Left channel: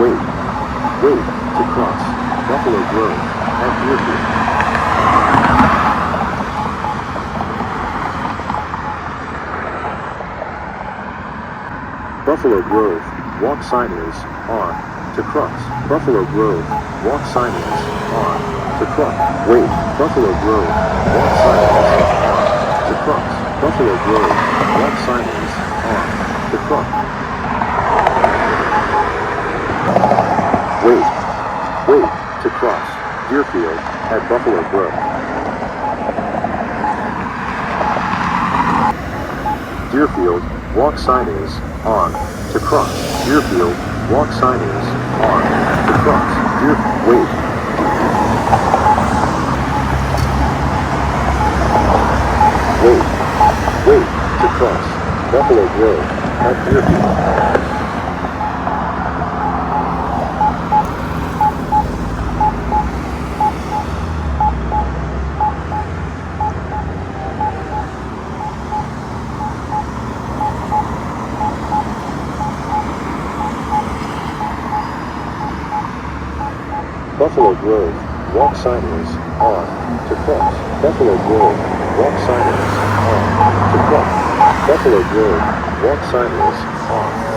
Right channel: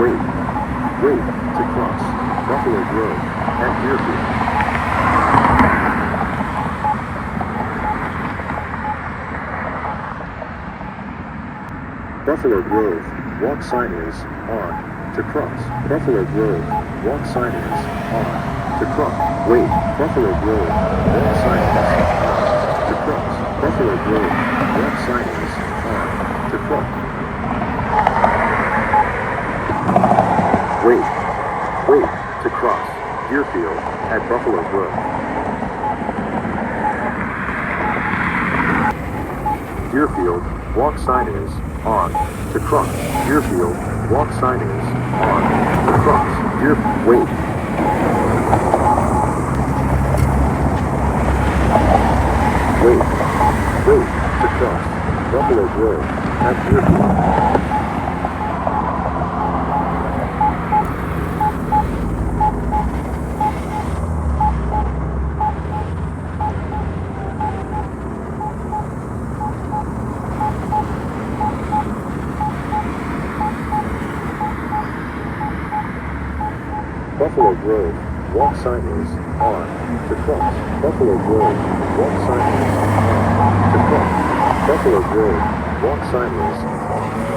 Wait. Wait to cross Buffalo Grove at Deerfield. Buffalo Grove walk sign is on to cross. Buffalo Grove walk sign is on to cross. Wait. Buffalo Grove walk sign is on to cross. Buffalo Grove walk sign is on to cross. Wait. Wait to cross Deerfield at Buffalo Grove. Deerfield walk sign is on to cross. Deerfield walk sign is on to cross. Wait. Wait. Wait to cross Buffalo Grove at Deerfield. Buffalo Grove walk sign is on to cross. Buffalo Grove walk sign is on to cross. Buffalo Grove walk sign is on